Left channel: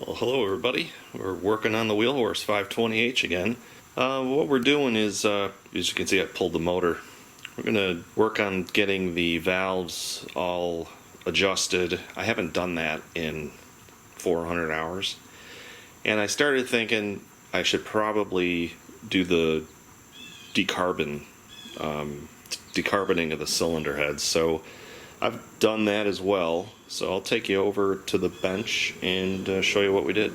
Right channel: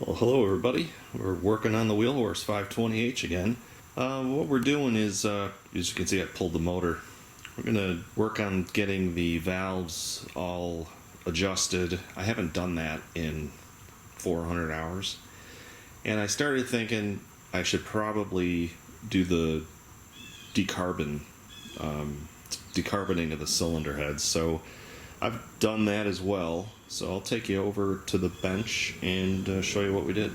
Well, hello everybody. We're working on the Wheel Horse 520h again. What we're doing is, as you can see, I pulled the motor. We're going to work on getting the valves all adjusted. I haven't done that in 400 hours. And I started thinking I should probably do the decarboning of the cylinder heads. So I've done that as well. So I'll take you over to the bench and show you what we did.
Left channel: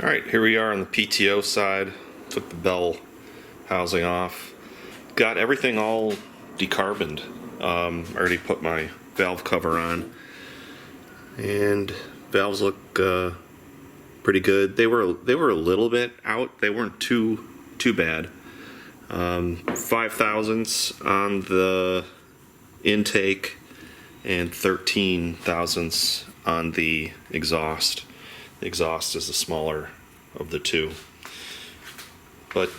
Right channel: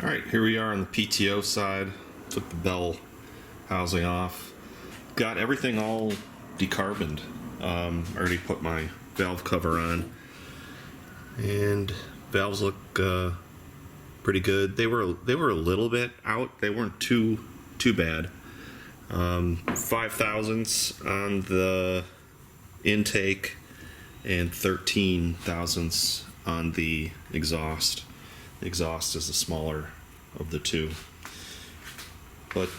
Alright, here we are on the PTO side. Took the bell housing off. Got everything all decarboned. Already put my valve cover on. And valves look pretty good. They were a little bit out. They weren't too bad. 5 thousandths on the intake and 13 thousandths on the exhaust. The exhaust is the smaller of the two. But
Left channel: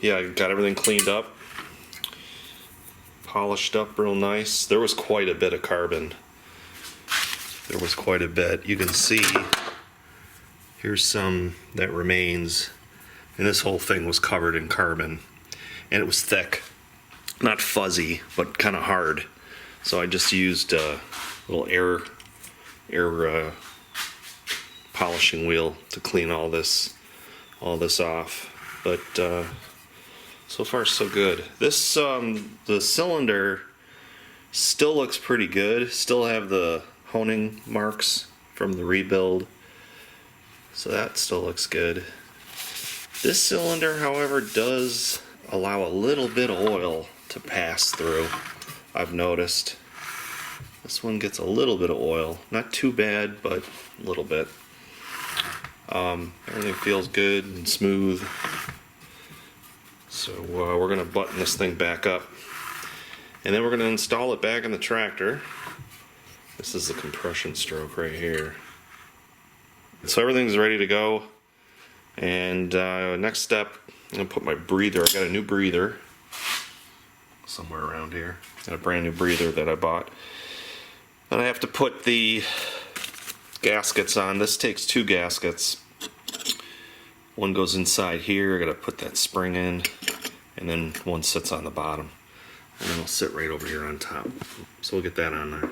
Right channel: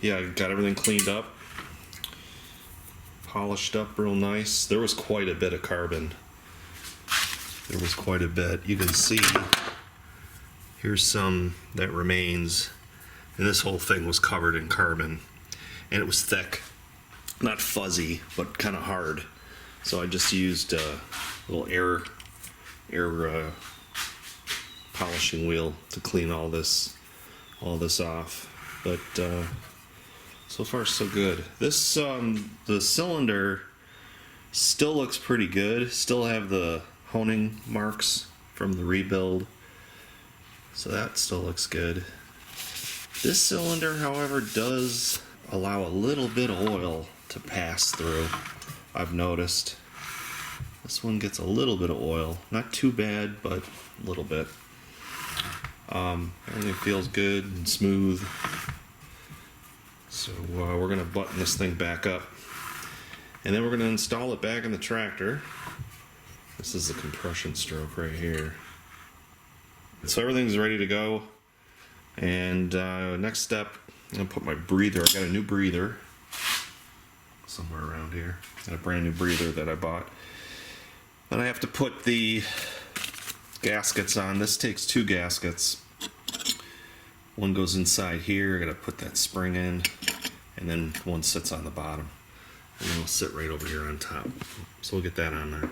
yeah, I got everything cleaned up, polished up real nice. There was quite a bit of carbon. There was quite a bit. You can see here's some that remains, and this whole thing was covered in carbon, and it was thick, not fuzzy, but kind of hard. So I just used a little air polishing wheel to clean all this off. But so far so good. This the cylinder still looks pretty good. Still have the honing marks from the rebuild, so that still looks good. This cylinder, however, does allow a little bit of oil to pass through. I've noticed this one gets a little bit of oil, not too bad, but a little bit. Everything feels good and smooth, so we're going to button this thing back up, and then we're going to install it back in the tractor. This is the compression stroke right here. So everything's ready to go, and next step, I'm going to put my breather. I got a new breather somewhere around here. Got a brand new breather that I bought. And I have to put the gaskets on. This takes 2 gaskets. One goes inside here. I got to put that spring in, and then one sits on the bottom, and then it'll sit right over here on top. So we'll get that on there.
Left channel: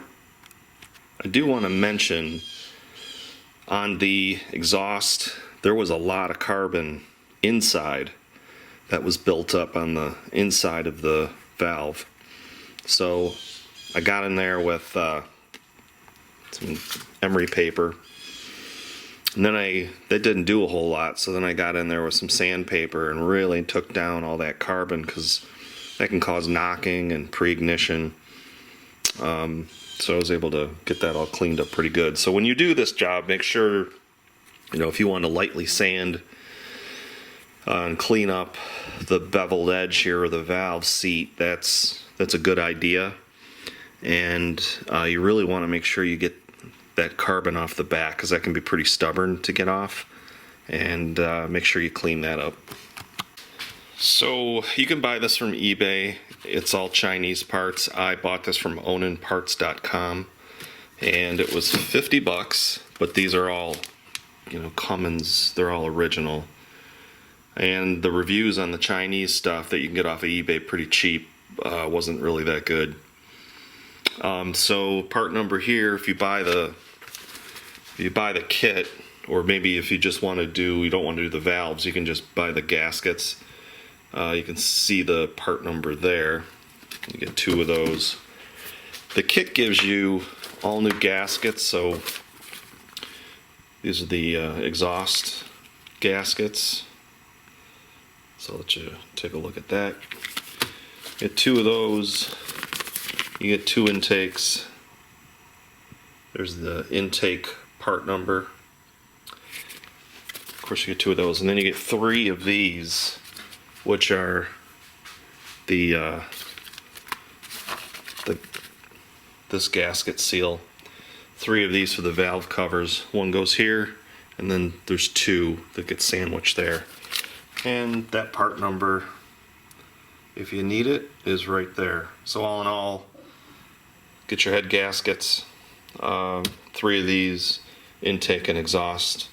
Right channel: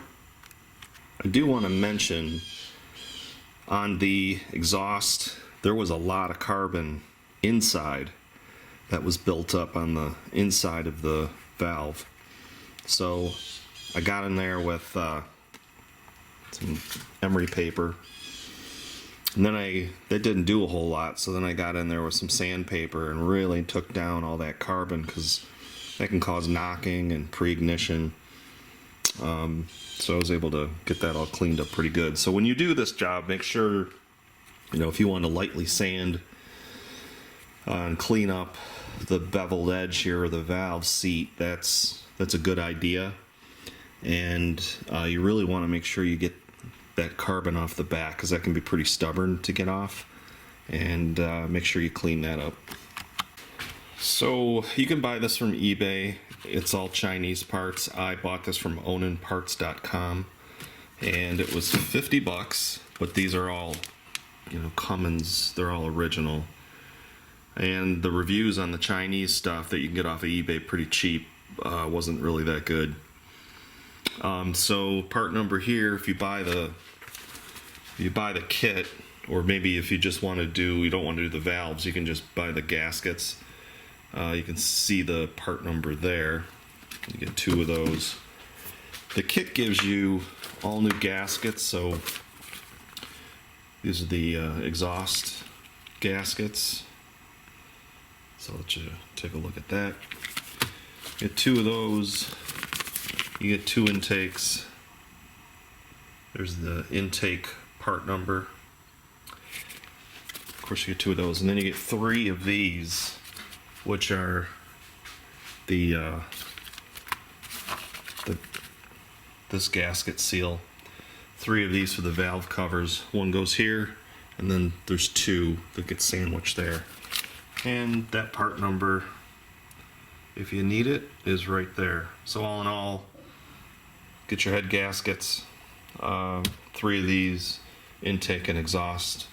I do want to mention on the exhaust, there was a lot of carbon inside that was built up on the inside of the valve. So I got in there with some emery paper, and then that didn't do a whole lot, so then I got in there with some sandpaper and really took down all that carbon, because that can cause knocking and pre-ignition. So I was able to get that all cleaned up pretty good. So when you do this job, make sure, if you want to lightly sand and clean up the beveled edge here of the valve seat, that's a good idea. And you really want to make sure you get that carbon off the back, because that can be pretty stubborn to get off, and make sure you clean that up. So you can buy this from eBay. It's all Chinese parts. I bought this from onanparts.com, and it was $50, but these are all Cummins. They're all original. And the reviews on the Chinese stuff that you can get off of eBay pretty cheap wasn't really that good. So part number here, if you buy the kit, or maybe if you just want to you don't want to do the valves, you can just buy the gaskets. You can see the part number there. You get 2 of those. The kit gives you all new gaskets, so these are the exhaust gaskets. So I'll let you take a look at that. Get 2 of those. You get 2 intakes. There's the intake part number. Of course, you get 2 of those, and then you get 3 of these, which are this gasket seal. 3 of these for the valve covers. One goes here, and then there's 2 that get sandwiched there. And that part number, if you need it, is right there. So all in all, get your head gaskets, 3 of these, intake and exhaust.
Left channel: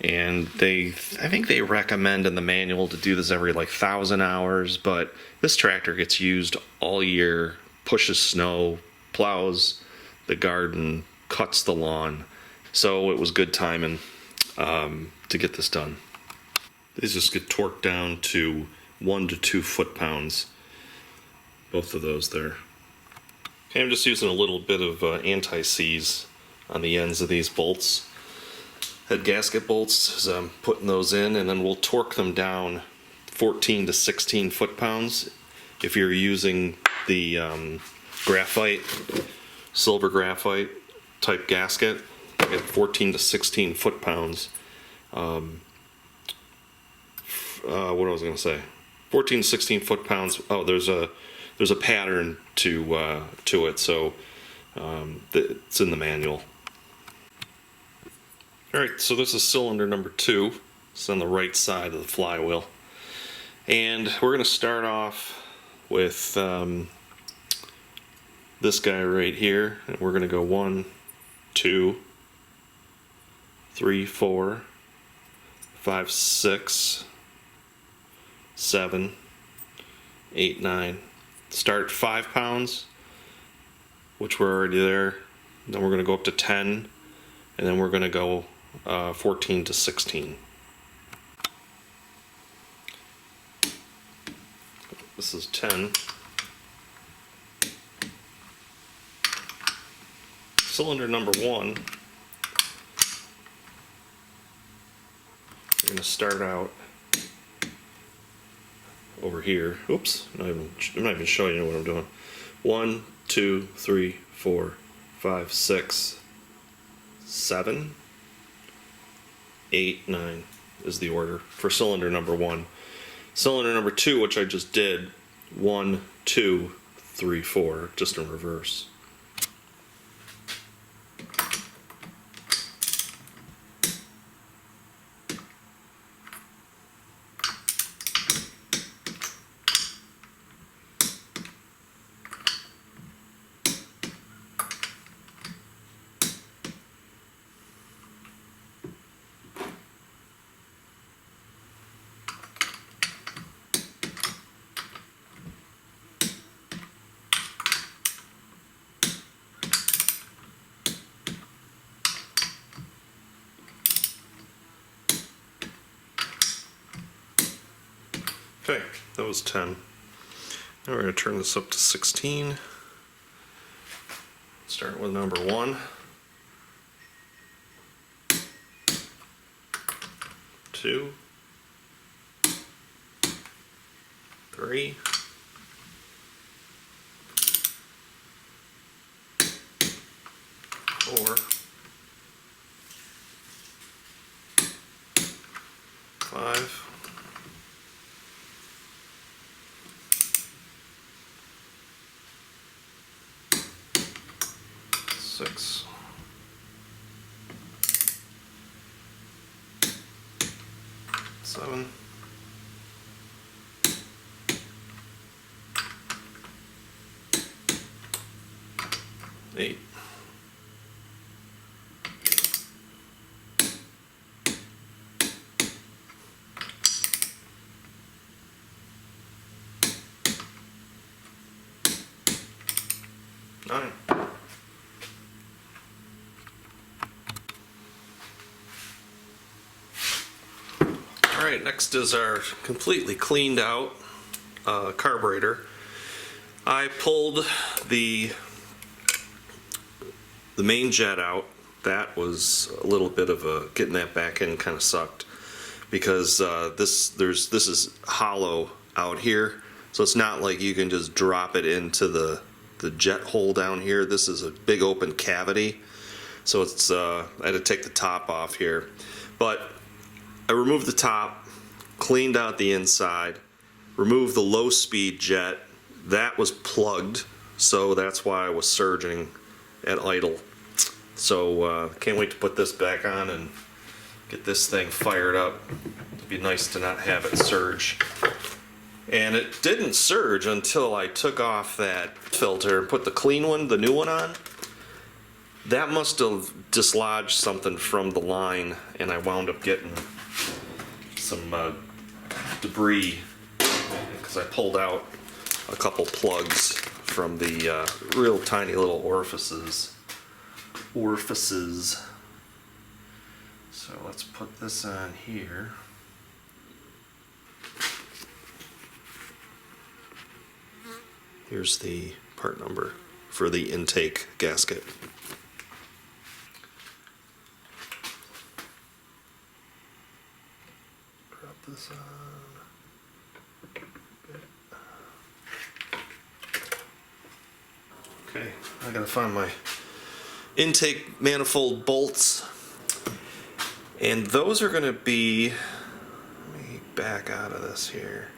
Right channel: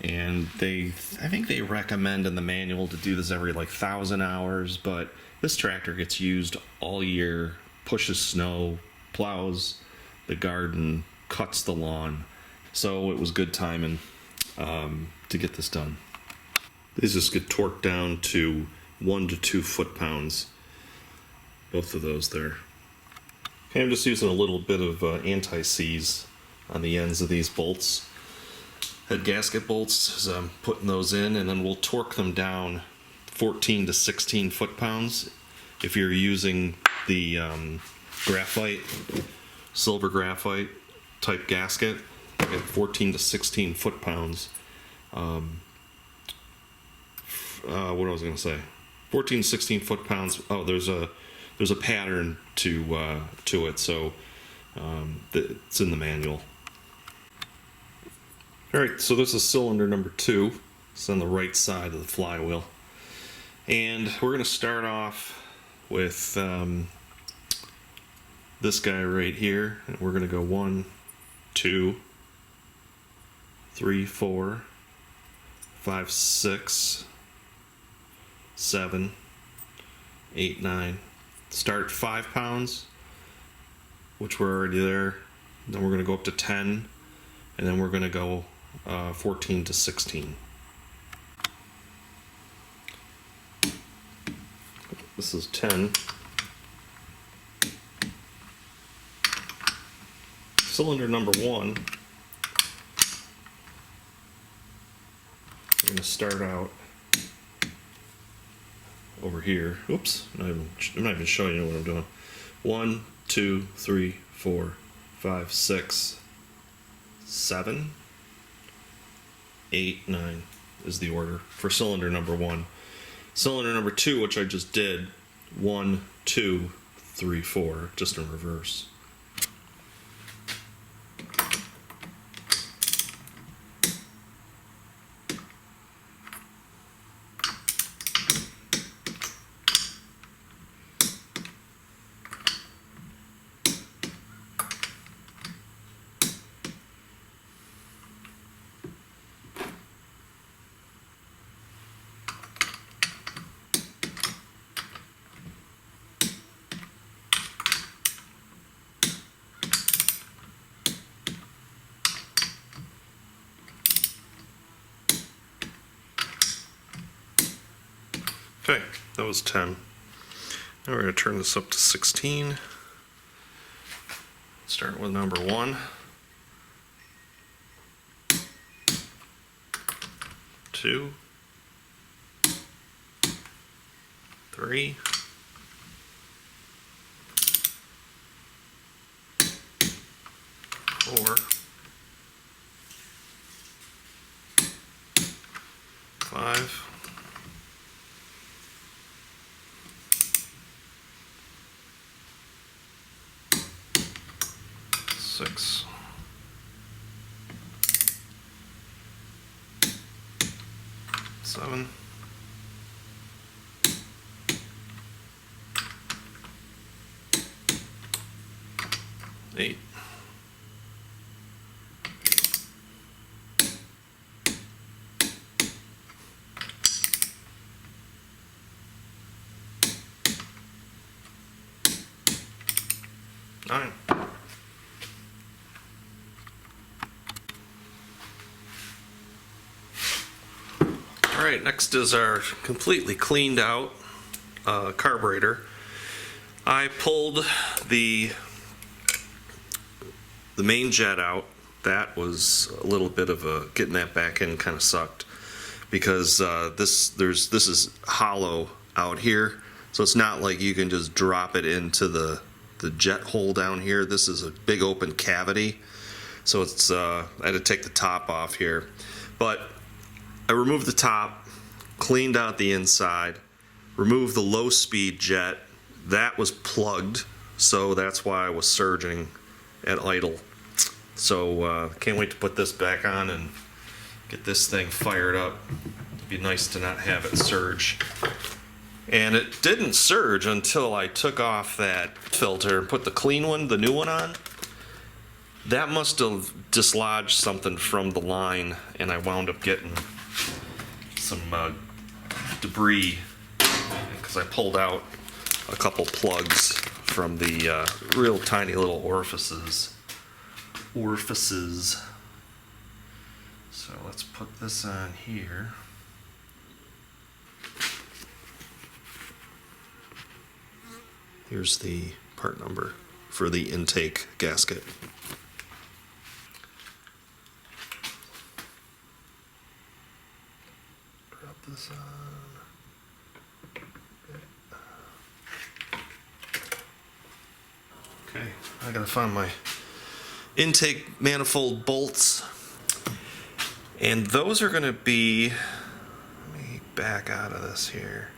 And I think they recommend in the manual to do this every like 1,000 hours, but this tractor gets used all year, pushes snow, plows the garden, cuts the lawn. So it was good timing to get this done. These just get torqued down to 1 to 2 foot-pounds. Both of those there. Okay, I'm just using a little bit of anti-seize on the ends of these bolts. Head gasket bolts, as I'm putting those in, and then we'll torque them down 14 to 16 foot-pounds. If you're using the graphite, silver graphite type gasket, at 14 to 16 foot-pounds. What was I going to say? 14 to 16 foot-pounds. Oh, there's a pattern to it, so it's in the manual. Alright, so this is cylinder number 2. It's on the right side of the flywheel. And we're going to start off with this guy right here. And we're going to go 1, 2, 3, 4, 5, 6, 7, 8, 9. Start at 5 pounds, which we're already there. Then we're going to go up to 10, and then we're going to go 14 to 16. This is 10. Cylinder number 1. We're going to start out over here. Oops, I'm not even showing you what I'm doing. 1, 2, 3, 4, 5, 6, 7, 8, 9 is the order for cylinder number 1. Cylinder number 2, which I just did, 1, 2, 3, 4, just in reverse. Okay, that was 10. Now we're going to turn this up to 16. Start with number 1. 2, 3, 4, 5, 6, 7, 8, 9. Alright, next is our completely cleaned out carburetor. I pulled the main jet out. That was a little bit of a, getting that back in kind of sucked, because this is hollow out here, so it's not like you can just drop it into the jet hole down here. This is a big open cavity, so it's I had to take the top off here, but I removed the top, cleaned out the inside, removed the low speed jet. That was plugged, so that's why I was surging at idle. So can't wait to put this back on and get this thing fired up. It'd be nice to not have it surge. And it didn't surge until I took off that filter and put the clean one, the new one on. that must have dislodged something from the line, and I wound up getting some debris because I pulled out a couple plugs from the real tiny little orifices. So let's put this on here. Here's the part number for the intake gasket. Drop this on. Okay, I gotta find my intake manifold bolts. And those are gonna be, let me back out of this here.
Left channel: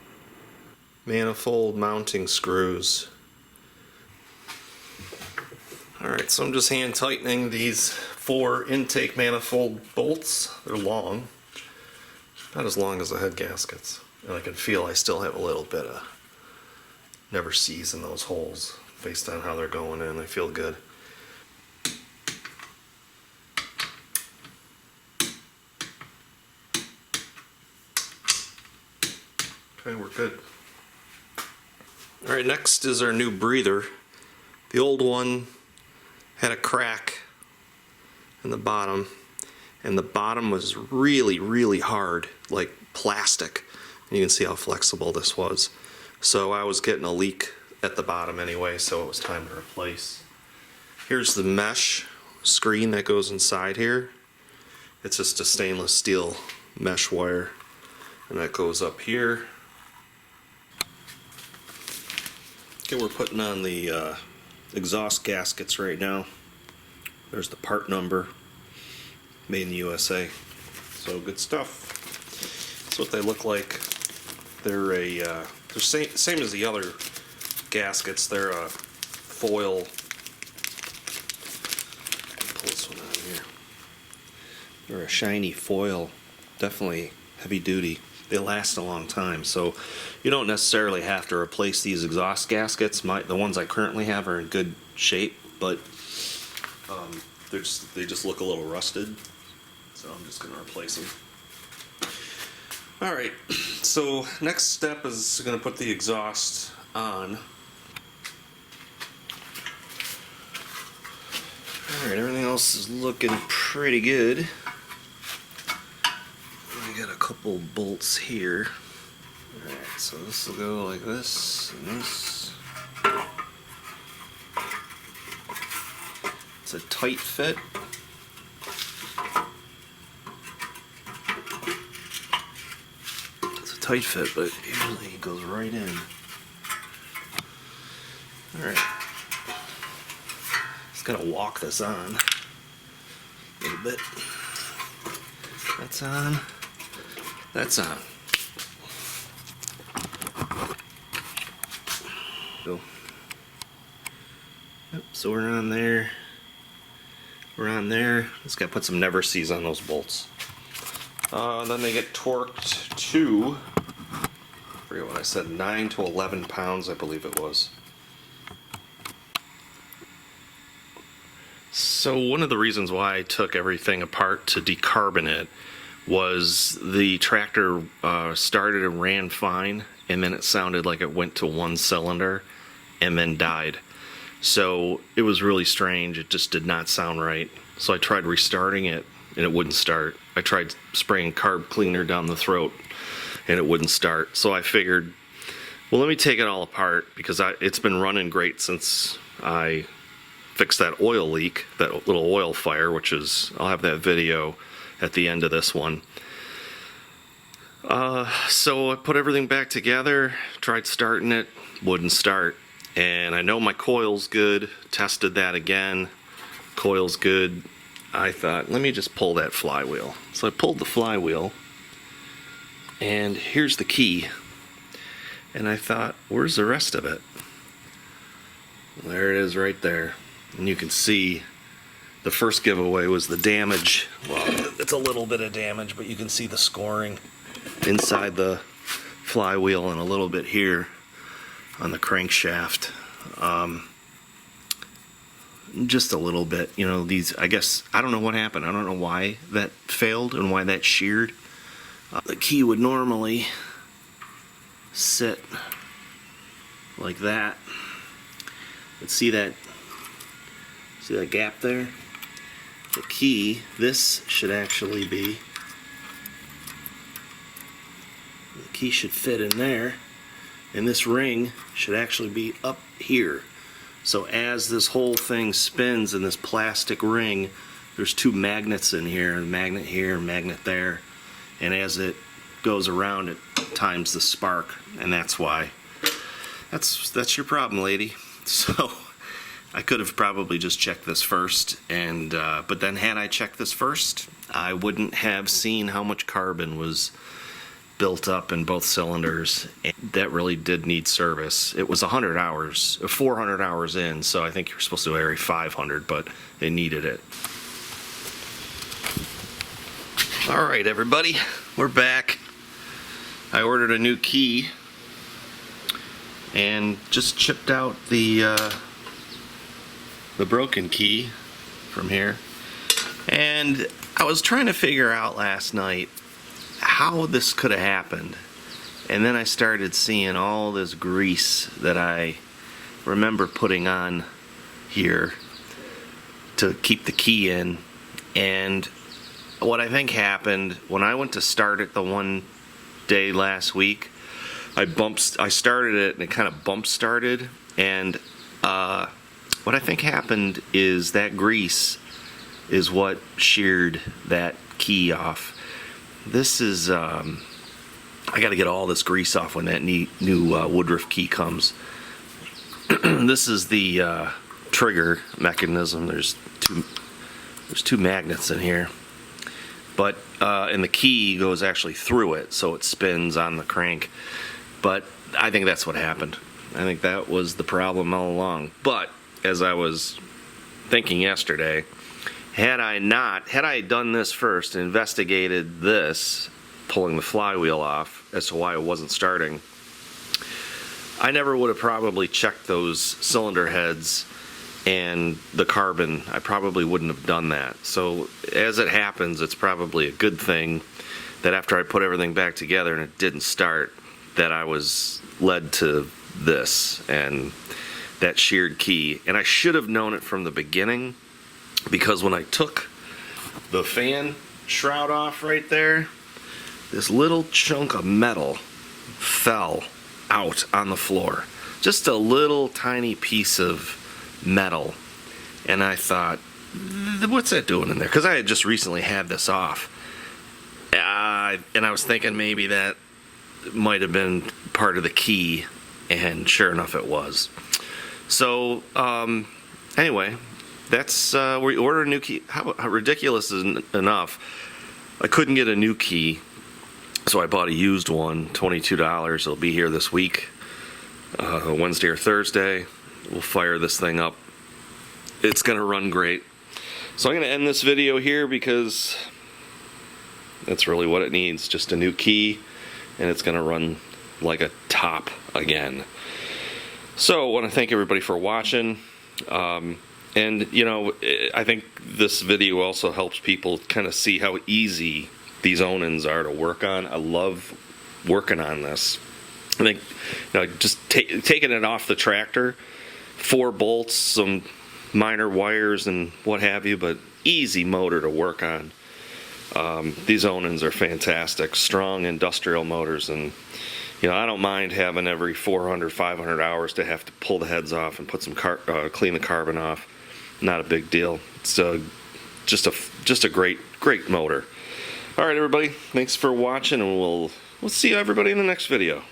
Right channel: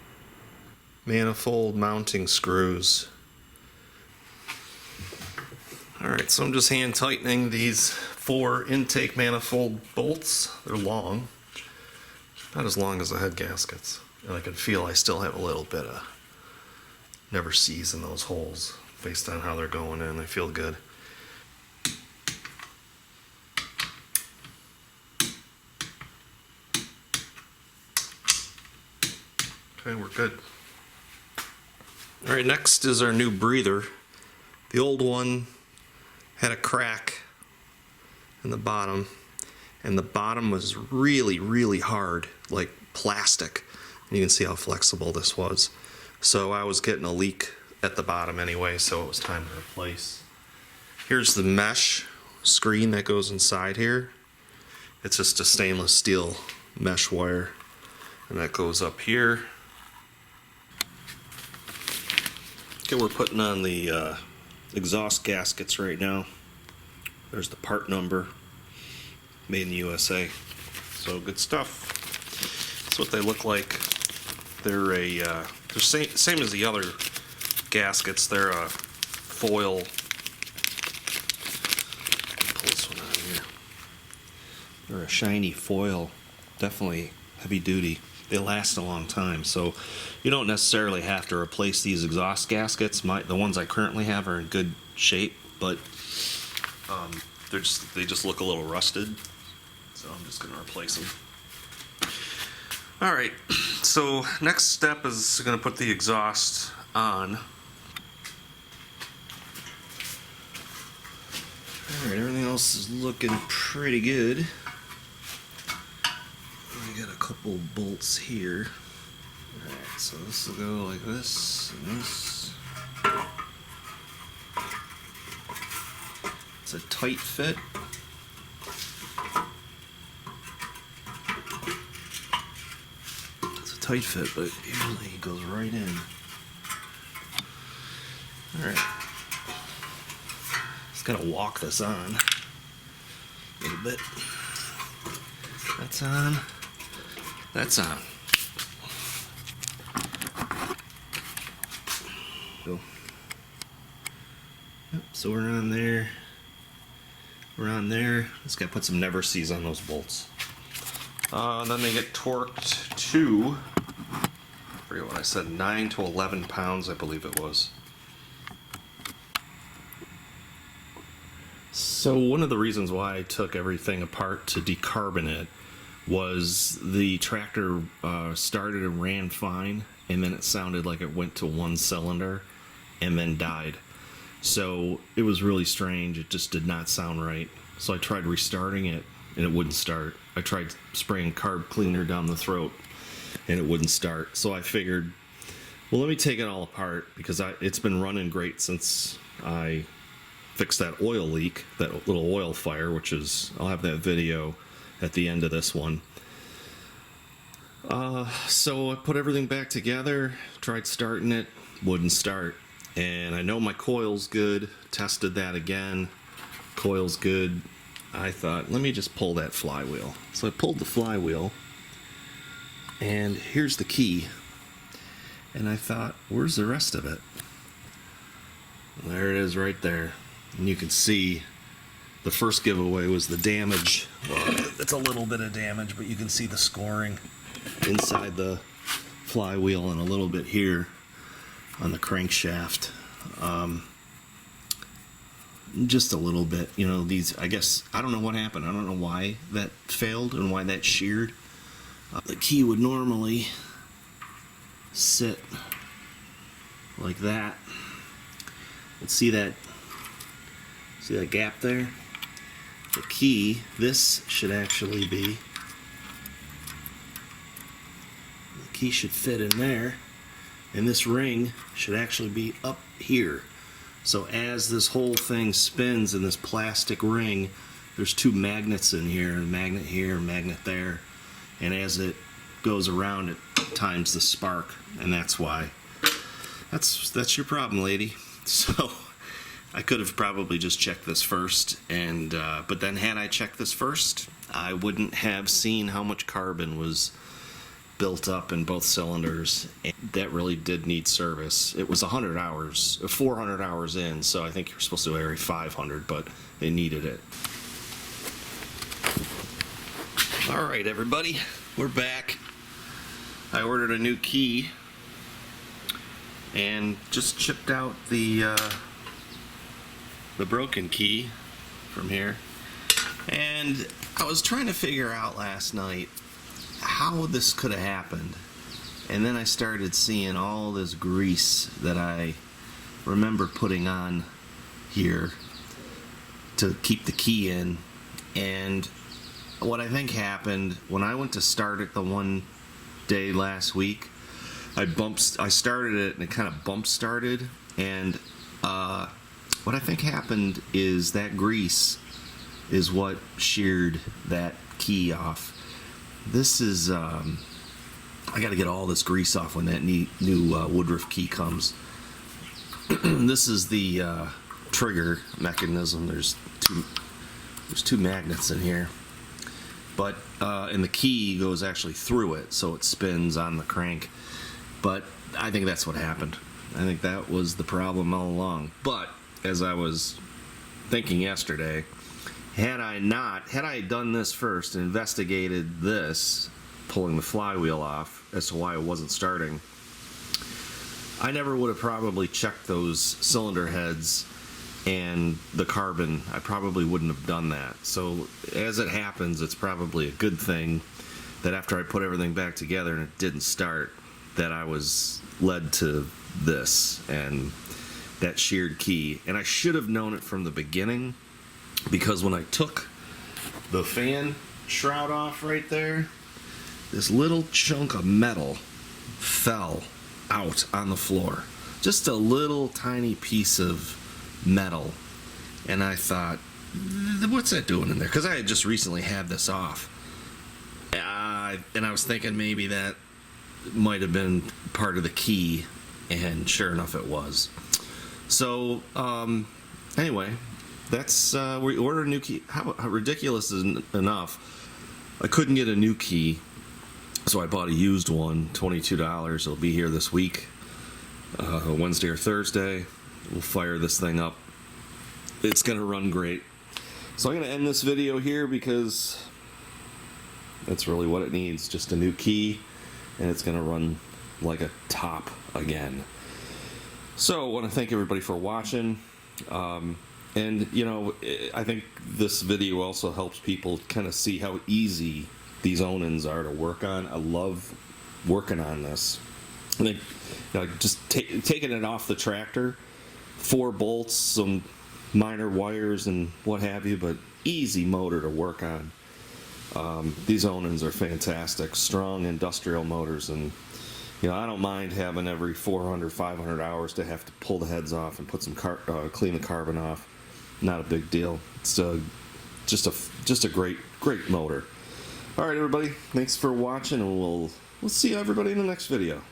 Manifold mounting screws. Alright, so I'm just hand tightening these 4 intake manifold bolts. They're long. Not as long as the head gaskets. And I can feel I still have a little bit of never sees in those holes based on how they're going in. They feel good. Okay, we're good. Alright, next is our new breather. The old one had a crack in the bottom, and the bottom was really hard, like plastic. And you can see how flexible this was. So I was getting a leak at the bottom anyway, so it was time to replace. Here's the mesh screen that goes inside here. It's just a stainless steel mesh wire, and that goes up here. Okay, we're putting on the exhaust gaskets right now. There's the part number, made in the USA. So good stuff. That's what they look like. They're same as the other gaskets. They're a foil. Pull this one out of here. They're a shiny foil, definitely heavy duty. They last a long time, so you don't necessarily have to replace these exhaust gaskets. The ones I currently have are in good shape, but they just look a little rusted, so I'm just going to replace them. Alright, so next step is going to put the exhaust on. Alright, everything else is looking pretty good. I got a couple bolts here. Alright, so this will go like this and this. It's a tight fit. It's a tight fit, but usually it goes right in. Alright. Just gotta walk this on a little bit. That's on. That's on. Go. Yep, so we're on there. We're on there. Just gotta put some never sees on those bolts. Then they get torqued to, I forget what I said, 9 to 11 pounds, I believe it was. So one of the reasons why I took everything apart to decarbon it was the tractor started and ran fine, and then it sounded like it went to one cylinder and then died. So it was really strange. It just did not sound right. So I tried restarting it and it wouldn't start. I tried spraying carb cleaner down the throat and it wouldn't start. So I figured, well, let me take it all apart, because it's been running great since I fixed that oil leak, that little oil fire, which is, I'll have that video at the end of this one. So I put everything back together, tried starting it, wouldn't start. And I know my coil's good, tested that again, coil's good. I thought, let me just pull that flywheel. So I pulled the flywheel, and here's the key. And I thought, where's the rest of it? There it is right there. And you can see the first giveaway was the damage. Well, it's a little bit of damage, but you can see the scoring inside the flywheel and a little bit here on the crankshaft. just a little bit. You know, these, I guess, I don't know what happened. I don't know why that failed and why that sheared. The key would normally sit like that. Let's see that gap there? The key, this should actually be, the key should fit in there, and this ring should actually be up here. So as this whole thing spins in this plastic ring, there's two magnets in here, a magnet here, a magnet there, and as it goes around, it times the spark, and that's why. That's your problem, lady. So I could have probably just checked this first, and but then had I checked this first, I wouldn't have seen how much carbon was built up in both cylinders. And that really did need service. It was 100 hours, 400 hours in, so I think you're supposed to vary 500, but they needed it. All right, everybody, we're back. I ordered a new key and just chipped out the broken key from here, and I was trying to figure out last night how this could have happened, and then I started seeing all this grease that I remember putting on here to keep the key in. And what I think happened when I went to start it the one day last week, I started it and it kind of bump started, and what I think happened is that grease is what sheared that key off. This is, I got to get all this grease off when that new Woodruff key comes. This is the trigger mechanism. There's two magnets in here, but and the key goes actually through it, so it spins on the crank. But I think that's what happened. I think that was the problem all along. But as I was thinking yesterday, had I done this first and investigated this, pulling the flywheel off as to why it wasn't starting, I never would have probably checked those cylinder heads and the carbon. I probably wouldn't have done that. So as it happens, it's probably a good thing that after I put everything back together and it didn't start, that I was led to this and that sheared key. And I should have known it from the beginning, because when I took the fan shroud off right there, this little chunk of metal fell out on the floor. Just a little tiny piece of metal. And I thought, what's that doing in there? Because I had just recently had this off. And I was thinking maybe that might have been part of the key, and sure enough it was. So anyway, that's we ordered a new key. How ridiculous is enough? I couldn't get a new key, so I bought a used one, $22. It'll be here this week, Wednesday or Thursday. We'll fire this thing up. It's gonna run great. So I'm gonna end this video here because that's really what it needs, just a new key, and it's gonna run like a top again. So I want to thank everybody for watching. And you know, I think this video also helps people kind of see how easy these Onans are to work on. I love working on this. I think, you know, just taking it off the tractor, 4 bolts, some minor wires and what have you, but easy motor to work on. These Onans are fantastic, strong industrial motors, and you know, I don't mind having every 400, 500 hours to have to pull the heads off and put some clean the carbon off. Not a big deal. It's just a great motor. All right, everybody. Thanks for watching, and we'll see everybody in the next video.